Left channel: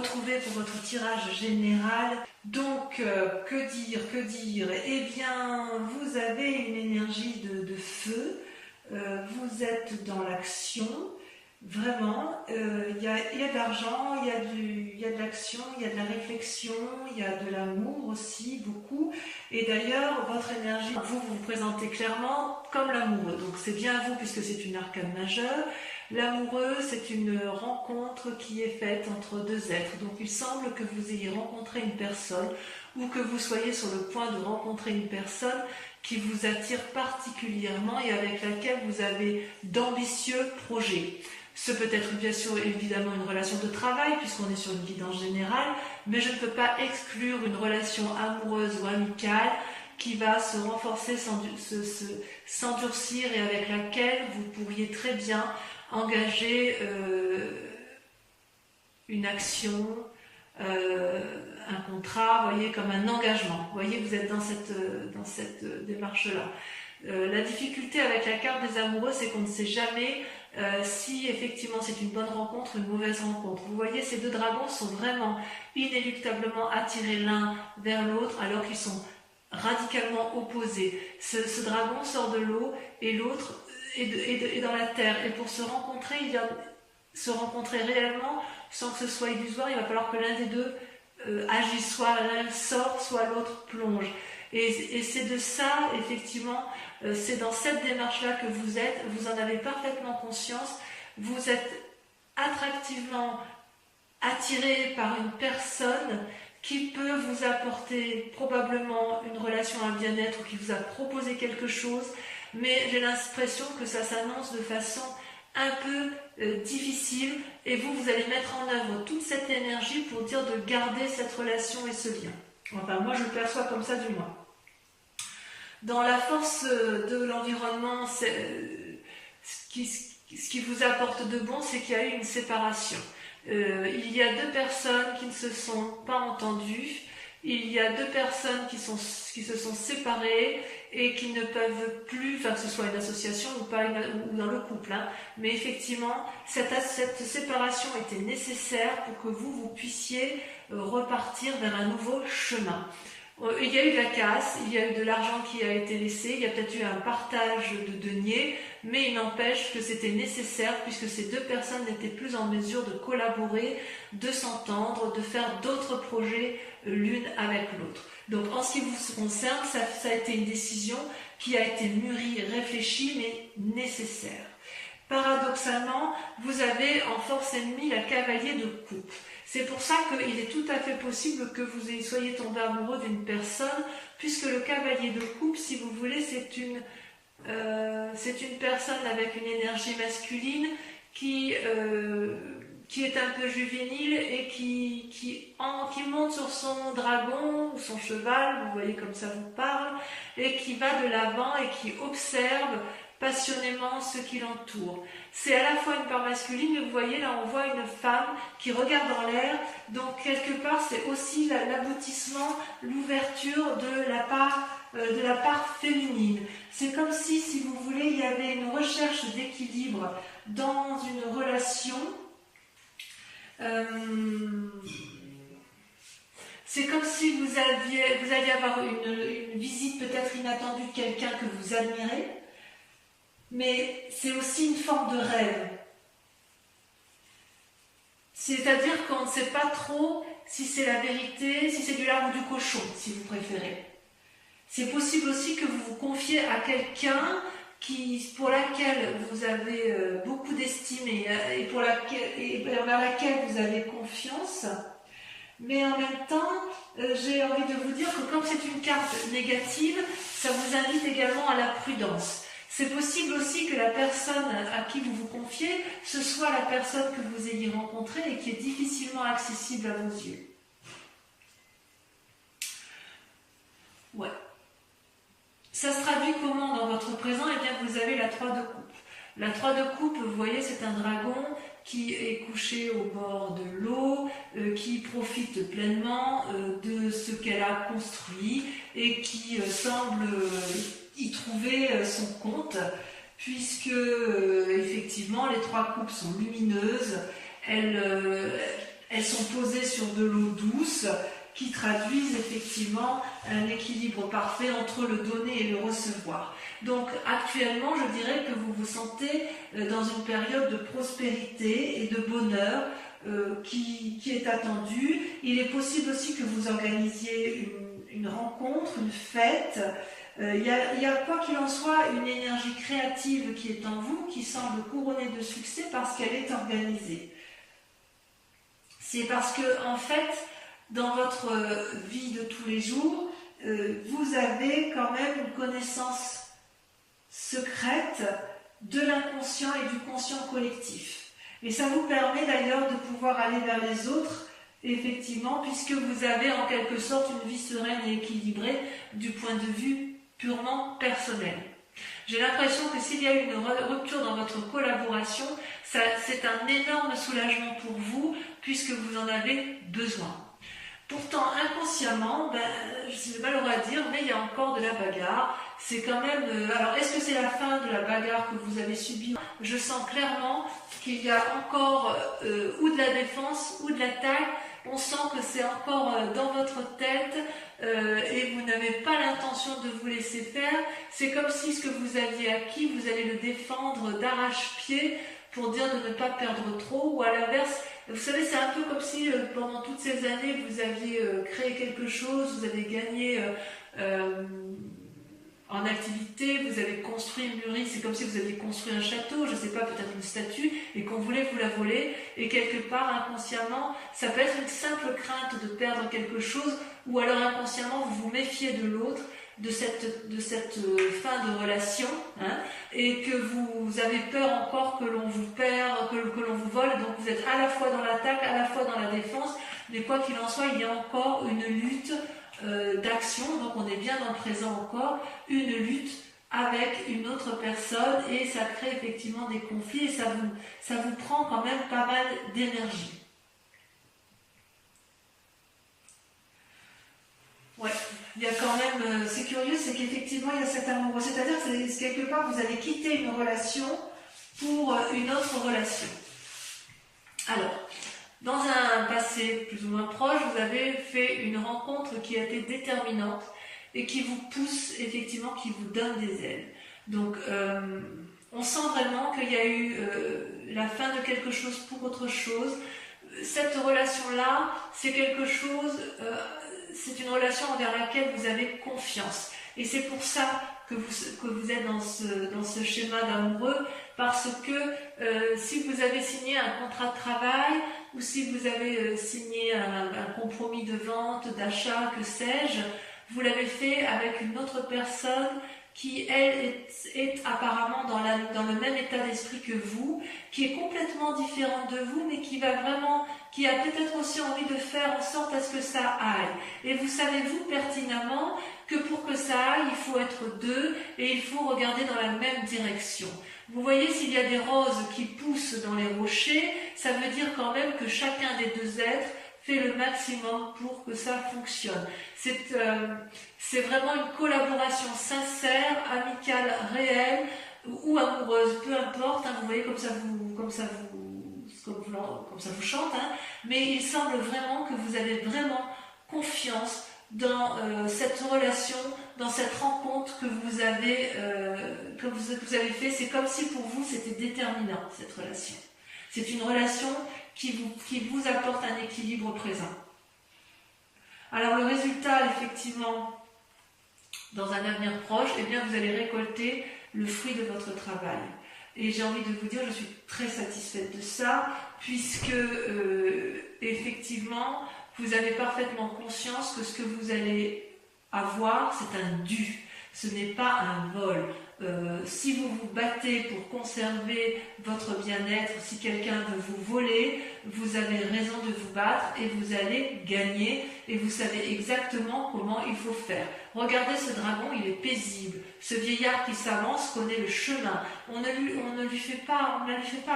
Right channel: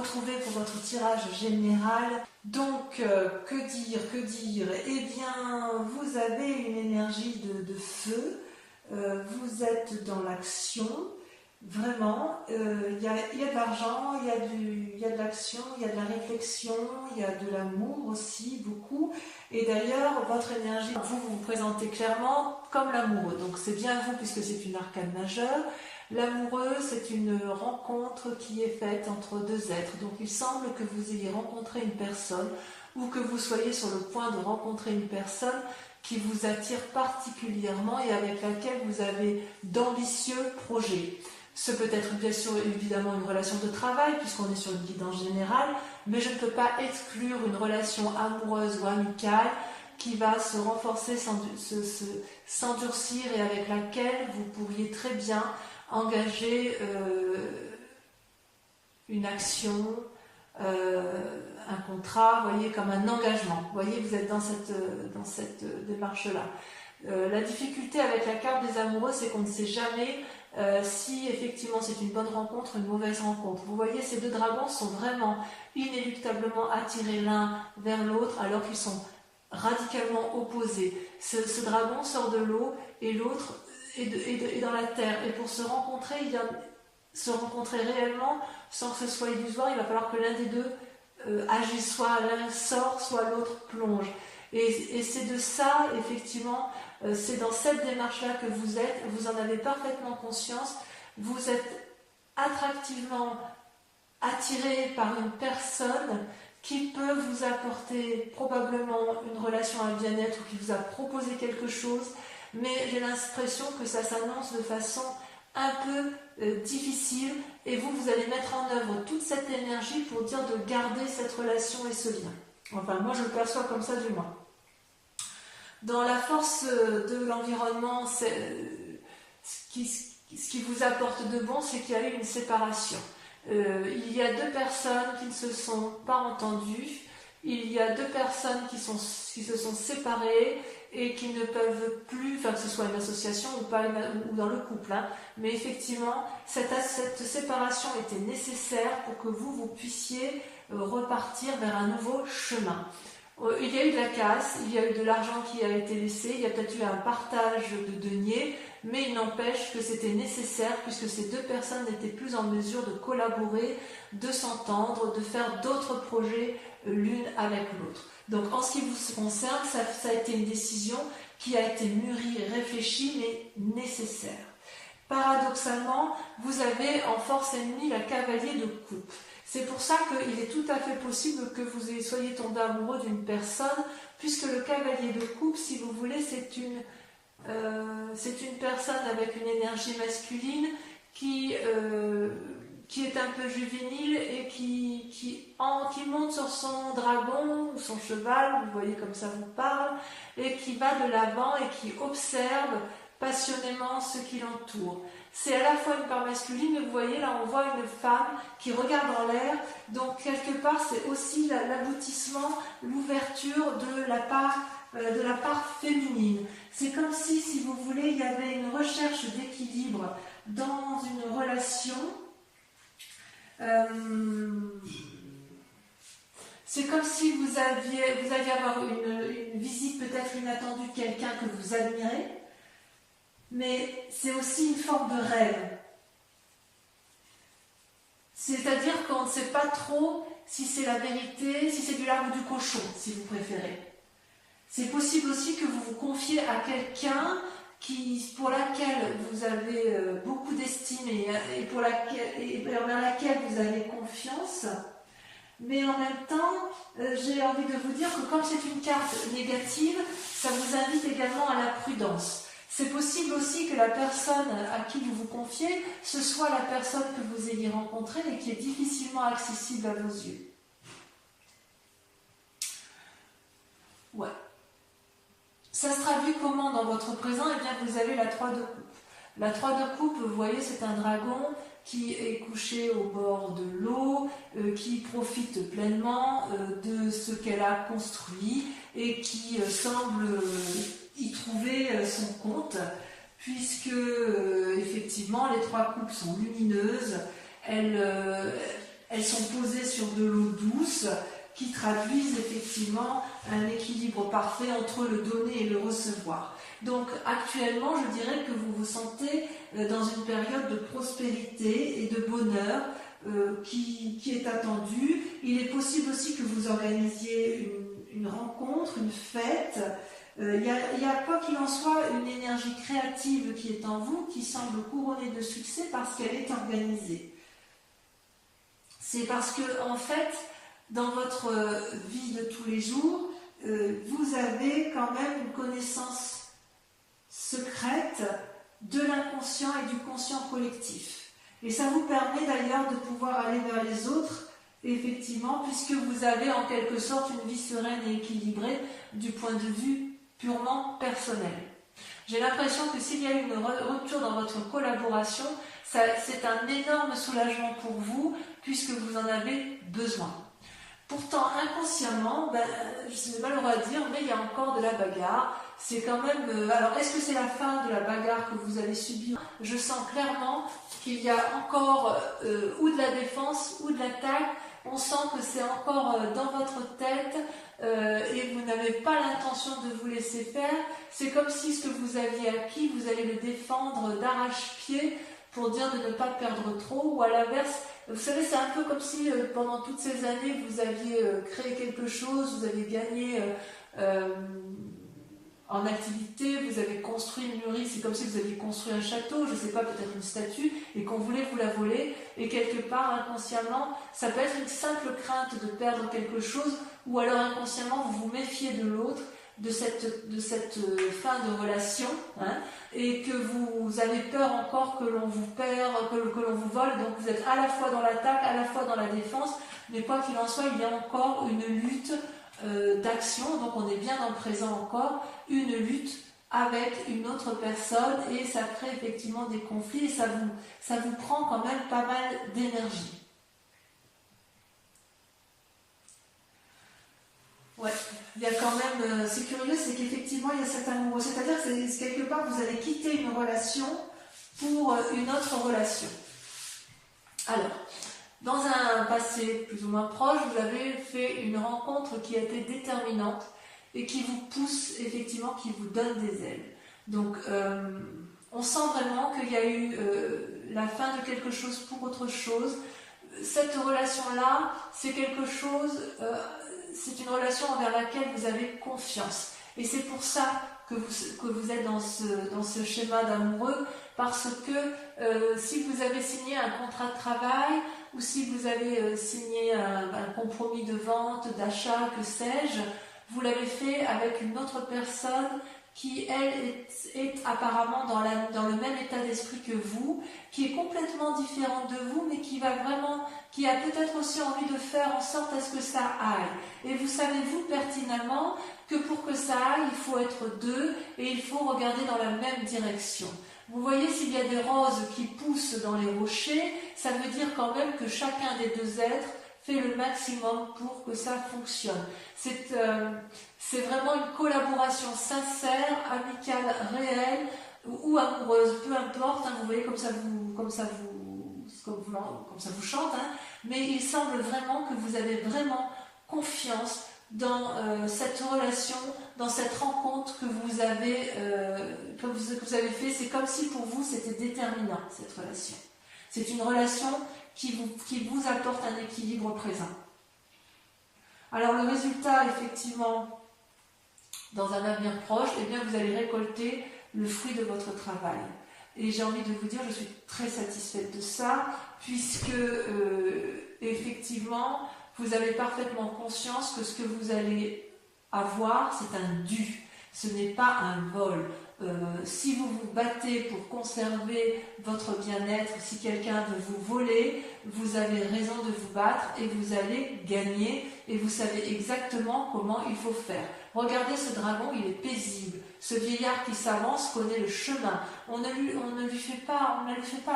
retrouver pour votre tirage général. Donc, que dire? Eh bien, vous avez une énergie de feu, vous êtes dans l'action, vraiment, il y a de l'argent, il y a de l'action, il y a de la réflexion, il y a de l'amour aussi, beaucoup. Et d'ailleurs, votre énergie, vous vous présentez clairement comme l'amoureux. Donc c'est bien vous puisque c'est une arcane majeure. L'amoureux, c'est une rencontre qui est faite entre deux êtres. Donc il semble que vous ayez rencontré une personne ou que vous soyez sur le point de rencontrer une personne qui vous attire particulièrement et avec laquelle vous avez d'ambitieux projets. Ce peut être bien sûr évidemment une relation de travail puisqu'on est sur une guidance générale, mais je ne peux pas exclure une relation amoureuse ou amicale qui va se renforcer, s'endurcir et avec laquelle vous pourriez très bien engager une action, un contrat, voyez, comme un engagement. Vous voyez, vous êtes dans cette démarche-là. La difficulté avec la carte des amoureux, c'est qu'on ne sait jamais si effectivement c'est une bonne rencontre ou une mauvaise rencontre. Vous voyez, ces deux dragons sont vraiment inéluctablement attirés l'un vers l'autre alors qu'ils sont radicalement opposés. Ce dragon sort de l'eau et l'autre est dans la terre. Et pour se rencontrer, se rencontrer réellement sans que ce soit illusoire, il va falloir que l'un des deux agisse, soit l'un sort, soit l'autre plonge. Et c'est de ça, effectivement, c'est dans cette démarche-là que vous êtes, vous en avez parfaitement conscience, vous êtes attractivement attiré par une personne qui peut vous apporter probablement une relation à bien-être ou qui vous a proposé quelque chose, mais j'ai l'impression que ça s'annonce de façon un peu difficile et vous allez mettre en œuvre toute cette énergie pour dire de garder cette relation et ce lien. Enfin, moi je le perçois comme ça du moins. Dans la force de l'environnement, ce qui vous apporte de bon, c'est qu'il y a eu une séparation. Il y a deux personnes qui ne se sont pas entendues, il y a deux personnes qui se sont séparées et qui ne peuvent plus, enfin que ce soit une association ou pas, ou dans le couple, hein, mais effectivement, cette séparation était nécessaire pour que vous puissiez repartir vers un nouveau chemin. Il y a eu de la casse, il y a eu de l'argent qui a été laissé, il y a peut-être eu un partage de deniers, mais il n'empêche que c'était nécessaire puisque ces deux personnes n'étaient plus en mesure de collaborer, de s'entendre, de faire d'autres projets l'une avec l'autre. Donc en ce qui vous concerne, ça a été une décision qui a été mûrie, réfléchie, mais nécessaire. Paradoxalement, vous avez en force ennemie la cavalier de coupe. C'est pour ça qu'il est tout à fait possible que vous soyez tombé amoureux d'une personne, puisque le cavalier de coupe, si vous voulez, c'est une personne avec une énergie masculine qui est un peu juvénile et qui monte sur son dragon ou son cheval, vous voyez comme ça vous parle, et qui va de l'avant et qui observe passionnément ce qui l'entoure. C'est à la fois une part masculine, mais vous voyez là on voit une femme qui regarde en l'air, donc quelque part c'est aussi l'aboutissement, l'ouverture de la part féminine. C'est comme si vous voulez, il y avait une recherche d'équilibre dans une relation. C'est comme si vous alliez avoir une visite peut-être inattendue de quelqu'un que vous admirez, mais c'est aussi une forme de rêve. C'est-à-dire qu'on ne sait pas trop si c'est la vérité, si c'est du lard ou du cochon, si vous préférez. C'est possible aussi que vous vous confiez à quelqu'un pour laquelle vous avez beaucoup d'estime et vers laquelle vous avez confiance, mais en même temps, j'ai envie de vous dire que comme c'est une carte négative, ça vous invite également à la prudence. C'est possible aussi que la personne à qui vous vous confiez, ce soit la personne que vous ayez rencontrée et qui est difficilement accessible à vos yeux. Ouais. Ça se traduit comment dans votre présent? Eh bien, vous avez la 3 de coupe. La 3 de coupe, vous voyez, c'est un dragon qui est couché au bord de l'eau, qui profite pleinement de ce qu'elle a construit et qui semble y trouver son compte, puisque effectivement les 3 coupes sont lumineuses, elles elles sont posées sur de l'eau douce qui traduisent effectivement un équilibre parfait entre le donner et le recevoir. Donc actuellement, je dirais que vous vous sentez dans une période de prospérité et de bonheur qui est attendue. Il est possible aussi que vous organisiez une rencontre, une fête. Il y a quoi qu'il en soit une énergie créative qui est en vous, qui semble couronnée de succès parce qu'elle est organisée. C'est parce que en fait, dans votre vie de tous les jours, vous avez quand même une connaissance secrète de l'inconscient et du conscient collectif. Et ça vous permet d'ailleurs de pouvoir aller vers les autres, effectivement, puisque vous avez en quelque sorte une vie sereine et équilibrée du point de vue purement personnel. J'ai l'impression que s'il y a une rupture dans votre collaboration, c'est un énorme soulagement pour vous, puisque vous en avez besoin. Pourtant, inconsciemment, c'est malheureux à dire, mais il y a encore de la bagarre. C'est quand même... alors, est-ce que c'est la fin de la bagarre que vous avez subie? Je sens clairement qu'il y a encore ou de la défense ou de l'attaque. On sent que c'est encore dans votre tête et vous n'avez pas l'intention de vous laisser faire. C'est comme si ce que vous aviez acquis, vous allez le défendre d'arrache-pied pour dire de ne pas perdre trop, ou à l'inverse, vous savez, c'est un peu comme si pendant toutes ces années, vous aviez créé quelque chose, vous avez gagné en activité, vous avez construit, mûri, c'est comme si vous aviez construit un château, je ne sais pas, peut-être une statue, et qu'on voulait vous la voler, et quelque part, inconsciemment, ça peut être une simple crainte de perdre quelque chose, ou alors inconsciemment, vous vous méfiez de l'autre, de cette fin de relation, hein, et que vous avez peur encore que l'on vous perd, que l'on vous vole, donc vous êtes à la fois dans l'attaque, à la fois dans la défense, mais quoi qu'il en soit, il y a encore une lutte d'action, donc on est bien dans le présent encore, une lutte avec une autre personne, et ça crée effectivement des conflits, et ça vous prend quand même pas mal d'énergie. Ouais, il y a quand même, c'est curieux, c'est qu'effectivement il y a cet amour, c'est-à-dire que quelque part vous allez quitter une relation pour une autre relation. Alors, dans un passé plus ou moins proche, vous avez fait une rencontre qui a été déterminante et qui vous pousse effectivement, qui vous donne des ailes. Donc, on sent vraiment qu'il y a eu la fin de quelque chose pour autre chose. Cette relation-là, c'est quelque chose... c'est une relation envers laquelle vous avez confiance. Et c'est pour ça que vous êtes dans ce schéma d'amoureux, parce que si vous avez signé un contrat de travail, ou si vous avez signé un compromis de vente, d'achat, que sais-je, vous l'avez fait avec une autre personne qui, elle, est apparemment dans le même état d'esprit que vous, qui est complètement différente de vous, mais qui a peut-être aussi envie de faire en sorte à ce que ça aille. Et vous savez, vous, pertinemment, que pour que ça aille, il faut être deux, et il faut regarder dans la même direction. Vous voyez, s'il y a des roses qui poussent dans les rochers, ça veut dire quand même que chacun des deux êtres fait le maximum pour que ça fonctionne. C'est vraiment une collaboration sincère, amicale, réelle ou amoureuse, peu importe, hein, vous voyez comme ça vous chante, hein, mais il semble vraiment que vous avez vraiment confiance dans cette relation, dans cette rencontre que vous avez fait. C'est comme si pour vous c'était déterminant, cette relation. C'est une relation qui vous apporte un équilibre présent. Alors le résultat, effectivement, dans un avenir proche, eh bien, vous allez récolter le fruit de votre travail. Et j'ai envie de vous dire, je suis très satisfaite de ça, puisque effectivement, vous avez parfaitement conscience que ce que vous allez avoir, c'est un dû. Ce n'est pas un vol. Si vous vous battez pour conserver votre bien-être, si quelqu'un veut vous voler, vous avez raison de vous battre et vous allez gagner et vous savez exactement comment il faut faire. Regardez ce dragon, il est paisible. Ce vieillard qui s'avance connaît le chemin. On ne lui fait pas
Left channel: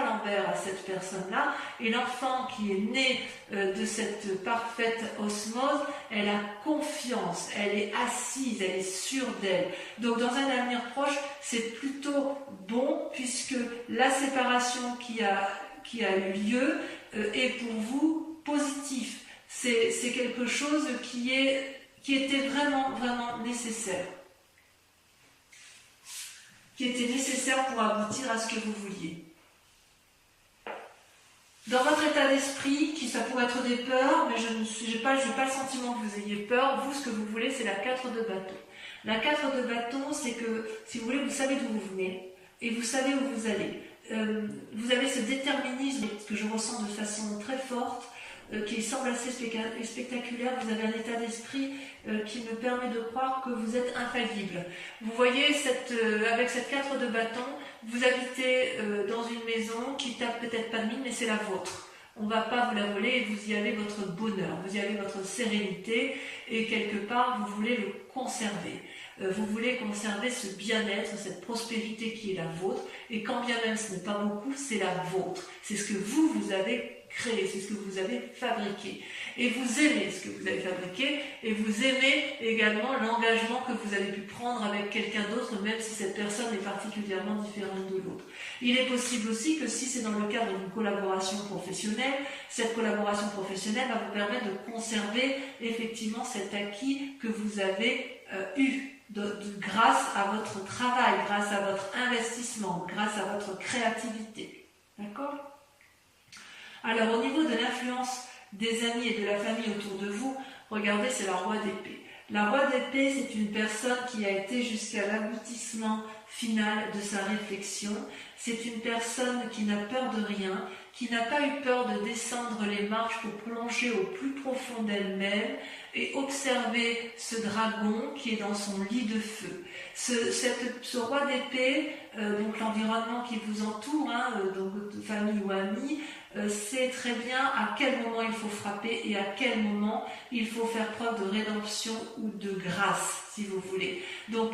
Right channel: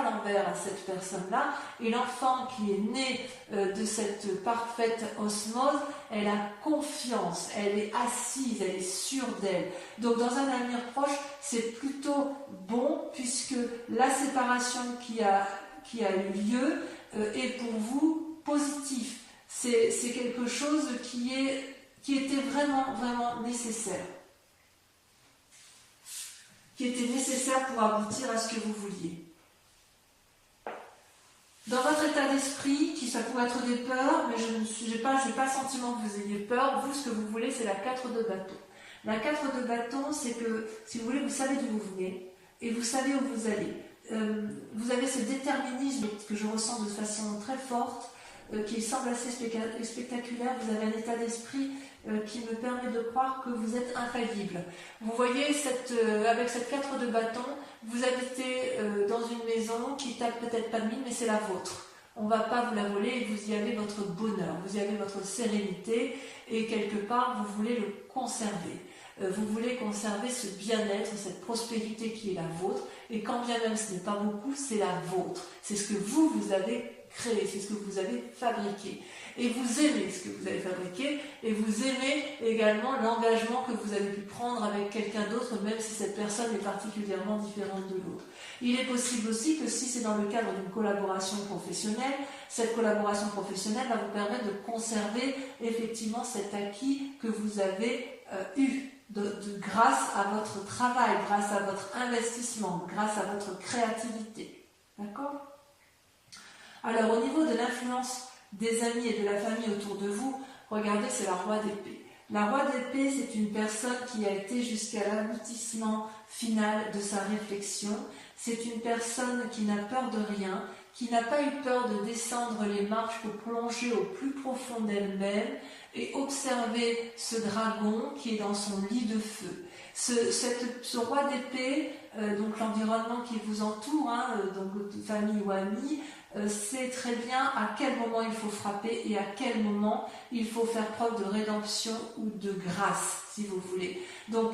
l'envers à cette personne-là. Et l'enfant qui est né de cette parfaite osmose, elle a confiance, elle est assise, elle est sûre d'elle. Donc dans un avenir proche, c'est plutôt bon puisque la séparation qui a eu lieu est pour vous positif. C'est quelque chose qui était vraiment, vraiment nécessaire. Qui était nécessaire pour aboutir à ce que vous vouliez. Dans votre état d'esprit, ça pourrait être des peurs, mais je n'ai pas le sentiment que vous ayez peur. Vous, ce que vous voulez, c'est la 4 de bâton. La 4 de bâton, c'est que, si vous voulez, vous savez d'où vous venez et vous savez où vous allez. Vous avez ce déterminisme que je ressens de façon très forte, qui semble assez spectaculaire. Vous avez un état d'esprit qui me permet de croire que vous êtes infaillible. Vous voyez, avec cette 4 de bâton, vous habitez dans une maison qui tape peut-être pas de mine, mais c'est la vôtre. On ne va pas vous la voler et vous y avez votre bonheur, vous y avez votre sérénité et quelque part, vous voulez le conserver. Vous voulez conserver ce bien-être, cette prospérité qui est la vôtre, et quand bien même ce n'est pas beaucoup, c'est la vôtre. C'est ce que vous avez créé, c'est ce que vous avez fabriqué. Et vous aimez ce que vous avez fabriqué, et vous aimez également l'engagement que vous avez pu prendre avec quelqu'un d'autre, même si cette personne est particulièrement différente de l'autre. Il est possible aussi que si c'est dans le cadre d'une collaboration professionnelle, cette collaboration professionnelle va vous permettre de conserver effectivement cet acquis que vous avez eu. Grâce à votre travail, grâce à votre investissement, grâce à votre créativité. D'accord ? Alors, au niveau de l'influence des amis et de la famille autour de vous, regardez, c'est la roi d'épée. La roi d'épée, c'est une personne qui a été jusqu'à l'aboutissement final de sa réflexion. C'est une personne qui n'a peur de rien, qui n'a pas eu peur de descendre les marches pour plonger au plus profond d'elle-même et observer ce dragon qui est dans son lit de feu. Ce roi d'épée, donc l'environnement qui vous entoure, donc de famille ou amis, sait très bien à quel moment il faut frapper et à quel moment il faut faire preuve de rédemption ou de grâce, si vous voulez. Donc,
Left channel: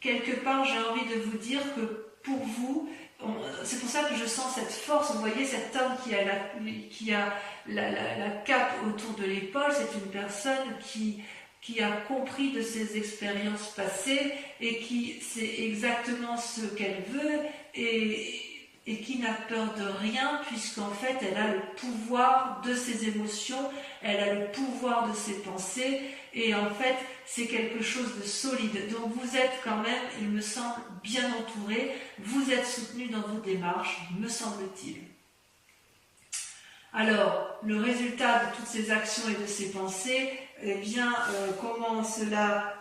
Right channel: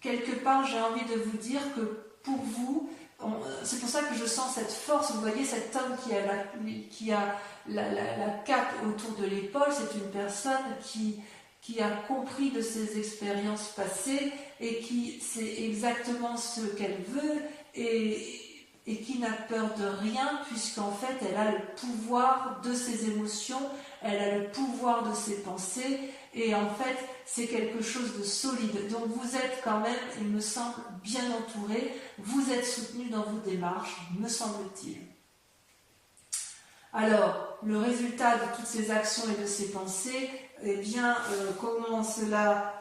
quelque part, j'ai envie de vous dire que pour vous, c'est pour ça que je sens cette force. Vous voyez cet homme qui a la cape autour de l'épaule, c'est une personne qui a compris de ses expériences passées et qui sait exactement ce qu'elle veut et qui n'a peur de rien, puisqu'en fait elle a le pouvoir de ses émotions, elle a le pouvoir de ses pensées, et en fait c'est quelque chose de solide. Donc vous êtes quand même, il me semble, bien entouré, vous êtes soutenu dans vos démarches, me semble-t-il. Alors, le résultat de toutes ces actions et de ces pensées, eh bien, comment cela,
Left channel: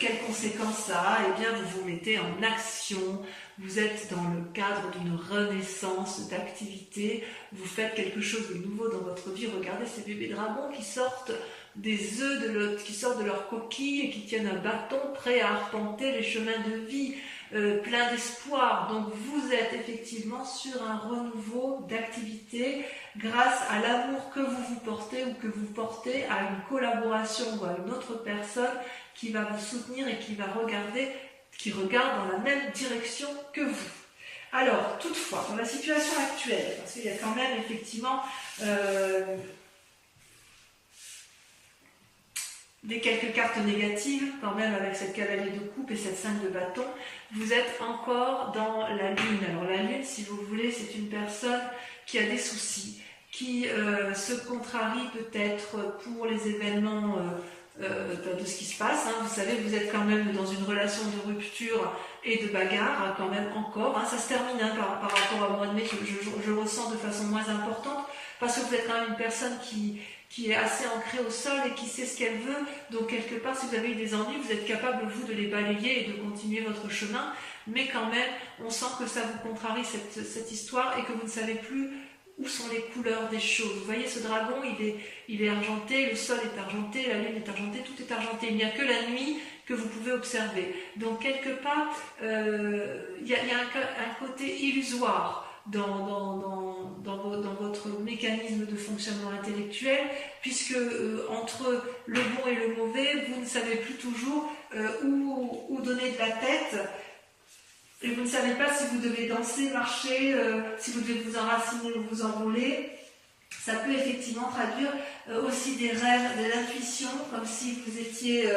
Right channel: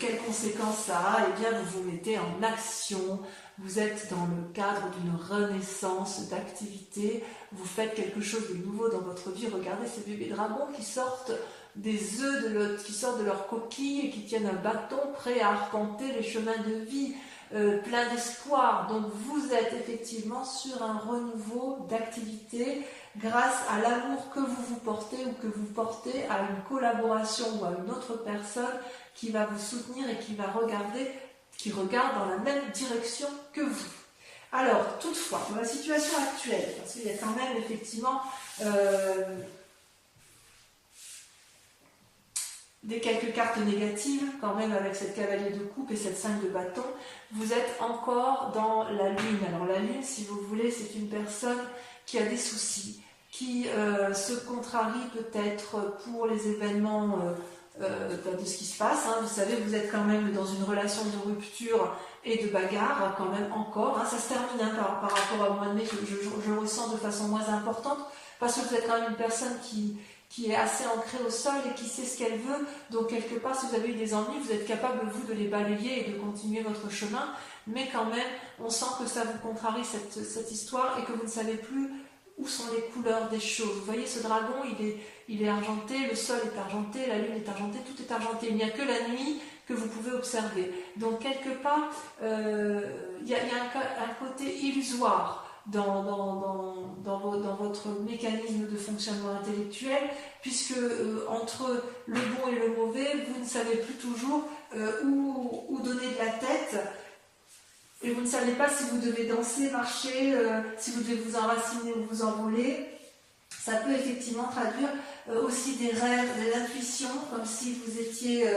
quelles conséquences ça a? Eh bien, vous vous mettez en action, vous êtes dans le cadre d'une renaissance d'activité, vous faites quelque chose de nouveau dans votre vie. Regardez ces bébés dragons qui sortent des œufs, qui sortent de leur coquille et qui tiennent un bâton prêt à arpenter les chemins de vie, plein d'espoir. Donc, vous êtes effectivement sur un renouveau d'activité, grâce à l'amour que vous vous portez ou que vous portez à une collaboration ou à une autre personne qui va vous soutenir et qui regarde dans la même direction que vous. Alors, toutefois, dans la situation actuelle, parce qu'il y a quand même effectivement quelques cartes négatives, quand même avec cette cavalier de coupe et cette 5 de bâton, vous êtes encore dans la lune. Alors la lune, si vous voulez, c'est une personne qui a des soucis, qui se contrarie peut-être pour les événements de ce qui se passe. Vous savez, vous êtes quand même dans une relation de rupture et de bagarre, quand même encore. Ça se termine par rapport au mois de mai, que je ressens de façon moins importante, parce que vous êtes quand même une personne qui est assez ancrée au sol et qui sait ce qu'elle veut. Donc quelque part, si vous avez eu des ennuis, vous êtes capable, vous, de les balayer et de continuer votre chemin. Mais quand même, on sent que ça vous contrarie cette histoire et que vous ne savez plus où sont les couleurs des choses. Vous voyez, ce dragon, il est argenté, le sol est argenté, la lune est argentée, tout est argenté. Il n'y a que la nuit que vous pouvez observer. Donc quelque part, il y a un côté illusoire dans votre mécanisme de fonctionnement intellectuel, puisque entre le bon et le mauvais, vous ne savez plus toujours où donner de la tête, et vous ne savez pas si vous devez danser, marcher, si vous devez vous enraciner ou vous envoler. Ça peut effectivement traduire aussi des rêves, des intuitions, comme si vous étiez...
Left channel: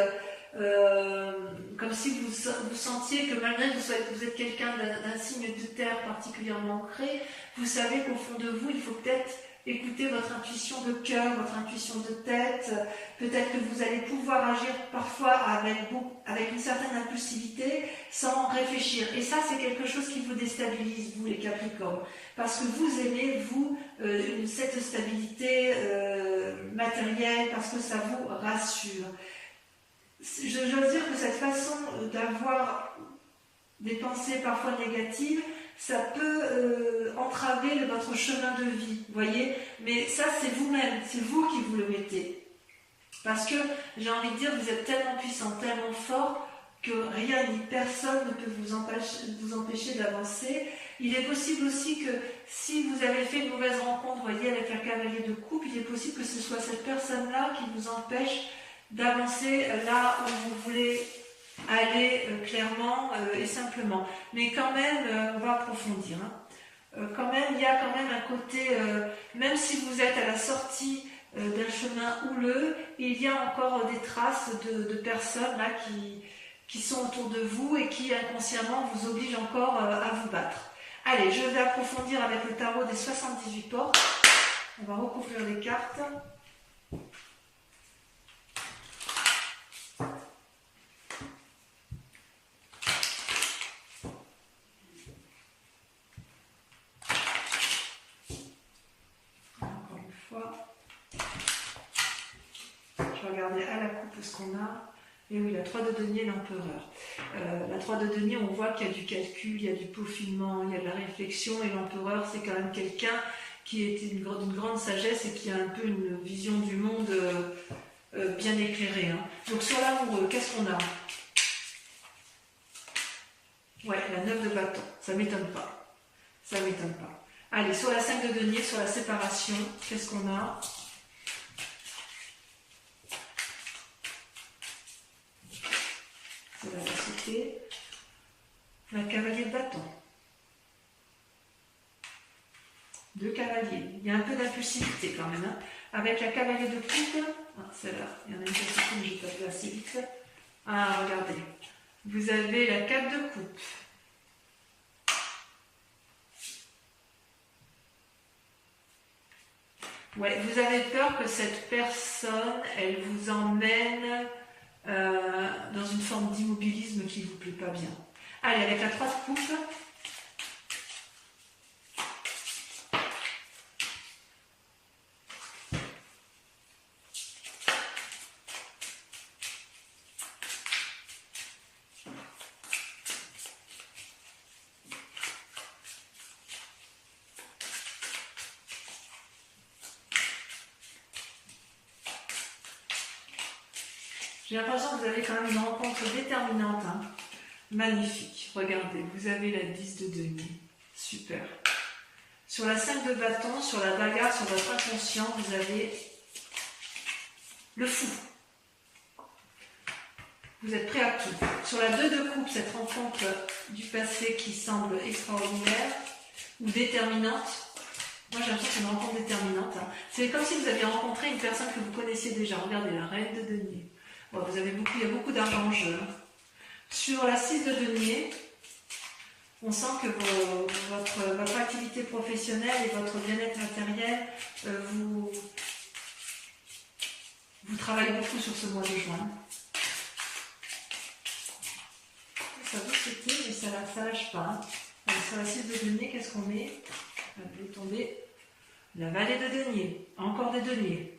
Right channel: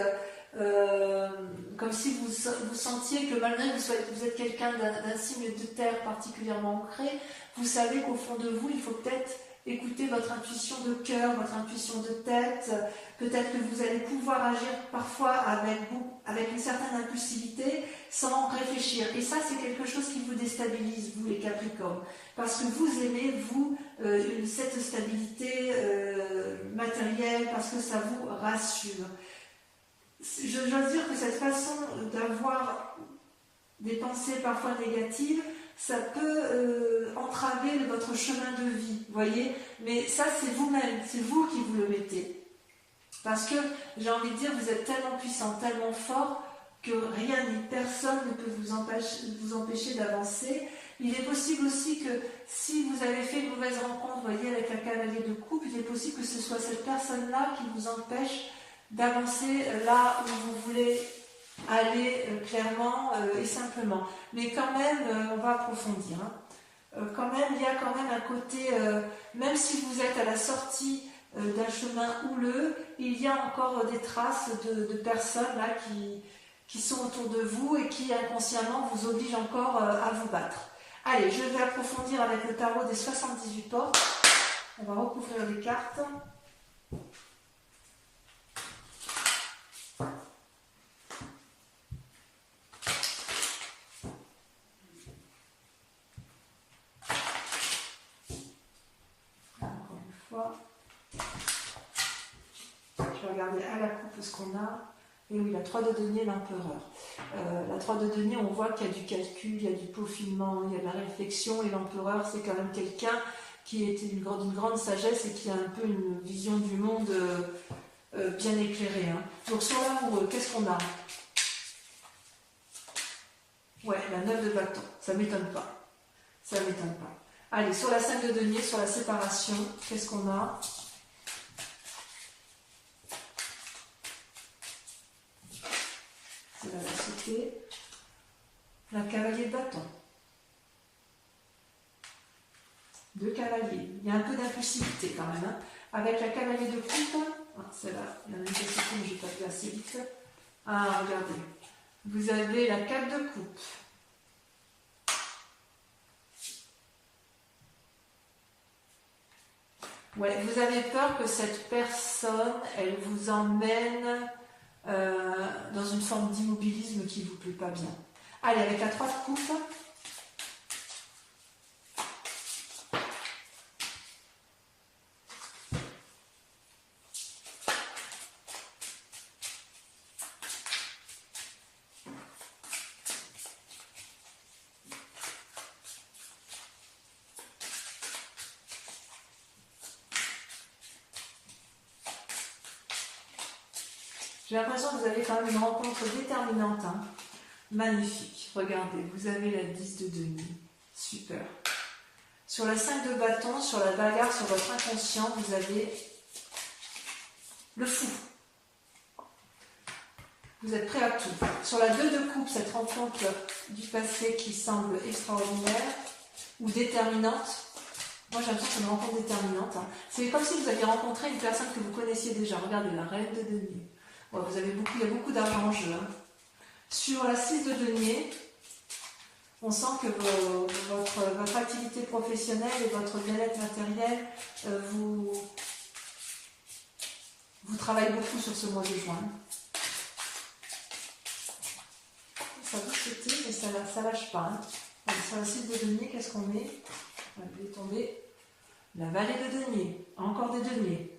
comme si vous sentiez que malgré que vous êtes quelqu'un d'un signe de terre particulièrement ancré, vous savez qu'au fond de vous, il faut peut-être écouter votre intuition de cœur, votre intuition de tête. Peut-être que vous allez pouvoir agir parfois avec une certaine impulsivité sans réfléchir. Et ça, c'est quelque chose qui vous déstabilise, vous les Capricornes. Parce que vous aimez, vous, cette stabilité matérielle, parce que ça vous rassure. J'ose dire que cette façon d'avoir des pensées parfois négatives, ça peut entraver votre chemin de vie, voyez. Mais ça, c'est vous-même, c'est vous qui vous le mettez. Parce que, j'ai envie de dire, vous êtes tellement puissant, tellement fort, que rien ni personne ne peut vous empêcher d'avancer. Il est possible aussi que, si vous avez fait une mauvaise rencontre, voyez, avec un cavalier de coupe, il est possible que ce soit cette personne-là qui vous empêche d'avancer là où vous voulez aller clairement et simplement. Mais quand même, on va approfondir. Quand même, il y a quand même un côté, même si vous êtes à la sortie d'un chemin houleux, il y a encore des traces de personnes là qui sont autour de vous et qui inconsciemment vous obligent encore à vous battre. Allez, je vais approfondir avec le tarot des 78 portes. On va recouvrir les cartes. Je vais regarder à la coupe ce qu'on a. Et oui, la 3 de denier, l'empereur. La 3 de denier, on voit qu'il y a du calcul, il y a du peaufinement, il y a de la réflexion. Et l'empereur, c'est quand même quelqu'un qui est d'une grande sagesse et qui a un peu une vision du monde bien éclairée. Donc sur l'amoureux, qu'est-ce qu'on a? Ouais, la 9 de bâton. Ça ne m'étonne pas. Ça ne m'étonne pas. Allez, sur la 5 de denier, sur la séparation, qu'est-ce qu'on a? C'est la lassitude. La cavalier de bâton. 2 cavaliers. Il y a un peu d'impulsivité quand même. Avec la cavalier de coupe, celle-là, il y en a une petite, mais je vais pas faire assez vite. Ah, regardez. Vous avez la 4 de coupe. Ouais, vous avez peur que cette personne, elle vous emmène dans une forme d'immobilisme qui ne vous plaît pas bien. Allez, avec la 3 de coupe. J'ai l'impression que vous avez quand même une rencontre déterminante. Magnifique. Regardez, vous avez la 10 de denier. Super. Sur la 5 de bâton, sur la bagarre, sur votre inconscient, vous avez le fou. Vous êtes prêt à tout. Sur la 2 de coupe, cette rencontre du passé qui semble extraordinaire ou déterminante. Moi, j'ai l'impression que c'est une rencontre déterminante. C'est comme si vous aviez rencontré une personne que vous connaissiez déjà. Regardez, la reine de denier. Ouais, il y a beaucoup d'argent en jeu. Sur la 6 de denier, on sent que votre activité professionnelle et votre bien-être matériel, vous travaillez beaucoup sur ce mois de juin. Ça vous sauter, mais ça lâche pas. Allez, sur la 6 de denier, qu'est-ce qu'on met? Allez, tomber. La vallée de denier. Encore des deniers.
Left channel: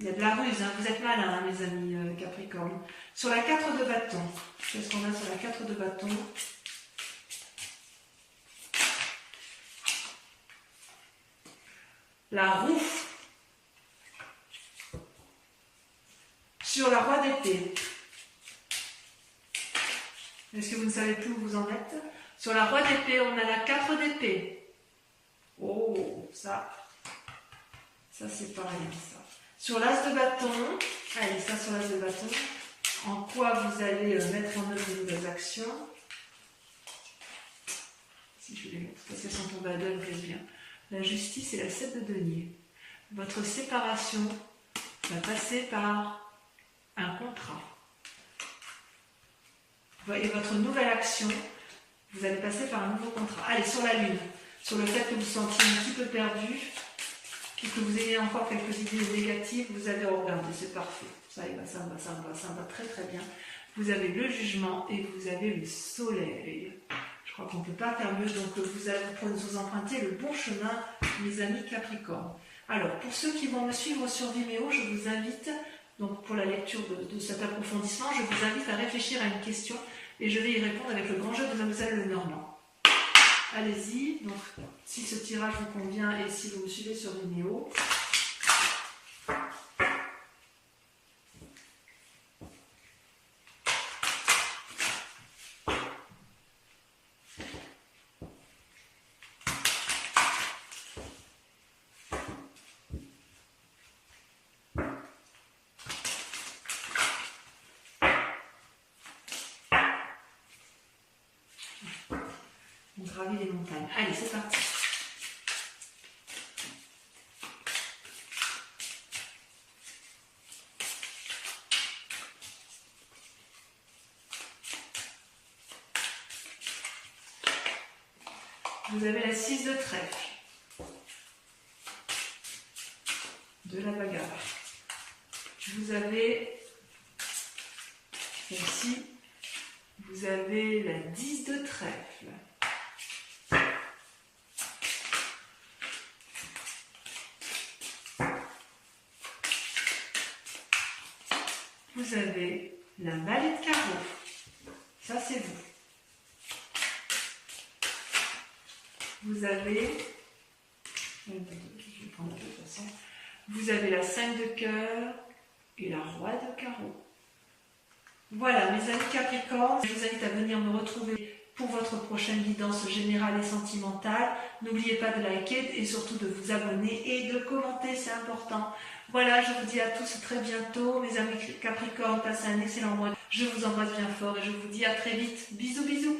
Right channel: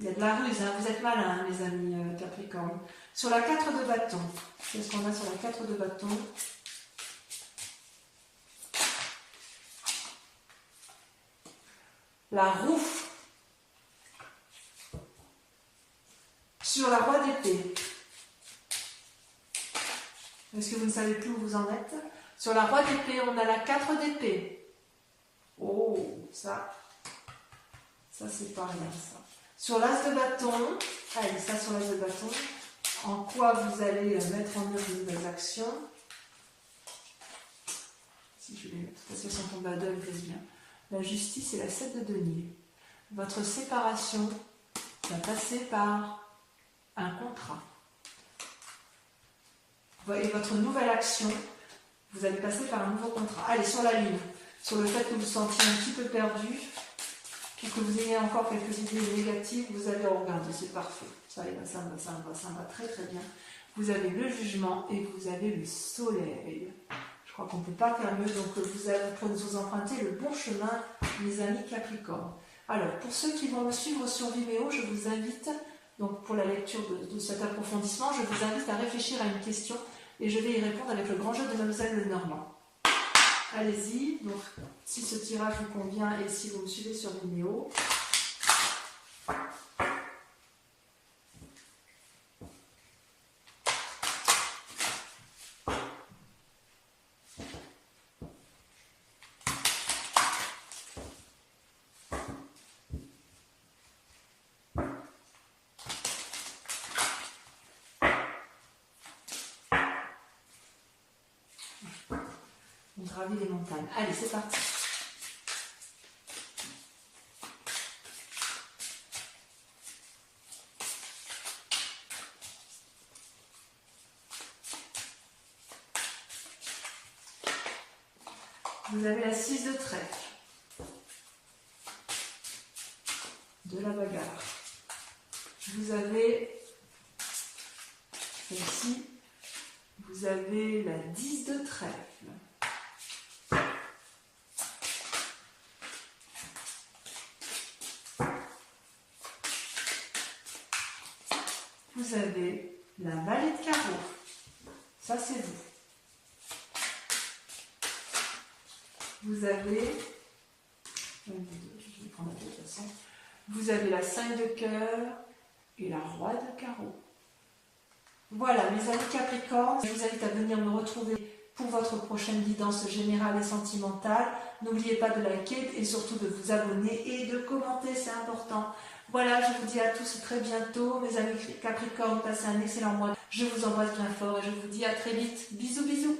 Il y a de la ruse, vous êtes malins, mes amis Capricorne. Sur la 4 de bâton, qu'est-ce qu'on a sur la 4 de bâton? La roue. Sur la roi d'épée. Est-ce que vous ne savez plus où vous en êtes? Sur la roi d'épée, on a la 4 d'épée. Oh, ça c'est pas rien, ça. Sur l'as de bâton, allez, ça sur l'as de bâton, en quoi vous allez mettre en œuvre de nouvelles actions. Si je vais les mettre, parce qu'elles sont tombées à deux, elles me plaisent bien. La justice et la 7 de denier. Votre séparation va passer par un contrat. Et votre nouvelle action, vous allez passer par un nouveau contrat. Allez, sur la lune. sur le fait que vous vous sentiez un petit peu perdu, puis que vous ayez encore quelques idées négatives, vous avez regardé, c'est parfait. Ça y va, ça me va, ça me va, ça me va très très bien. Vous avez le jugement et vous avez le soleil. Je crois qu'on ne peut pas faire mieux, donc vous empruntez le bon chemin, mes amis Capricorne. Alors, pour ceux qui vont me suivre sur Vimeo, je vous invite, donc pour la lecture de cet approfondissement, je vous invite à réfléchir à une question et je vais y répondre avec le grand jeu de Mademoiselle Lenormand. Allez-y, donc si ce tirage vous convient et si vous me suivez sur Vimeo. On gravit les montagnes. Allez, c'est parti. Vous avez la 6 de trèfle, de la bagarre. Vous avez ici, vous avez la 10 de trèfle. Vous avez la vallée de carreau. Ça, c'est vous. Vous avez, je vais prendre de toute façon, vous avez la 5 de cœur et la roi de carreau. Voilà, mes amis Capricorne, je vous invite à venir me retrouver pour votre prochaine guidance générale et sentimentale. N'oubliez pas de liker et surtout de vous abonner et de commenter, c'est important. Voilà, je vous dis à tous très bientôt, mes amis Capricorne, passez un excellent mois. Je vous embrasse bien fort et je vous dis à très vite. Bisous, bisous.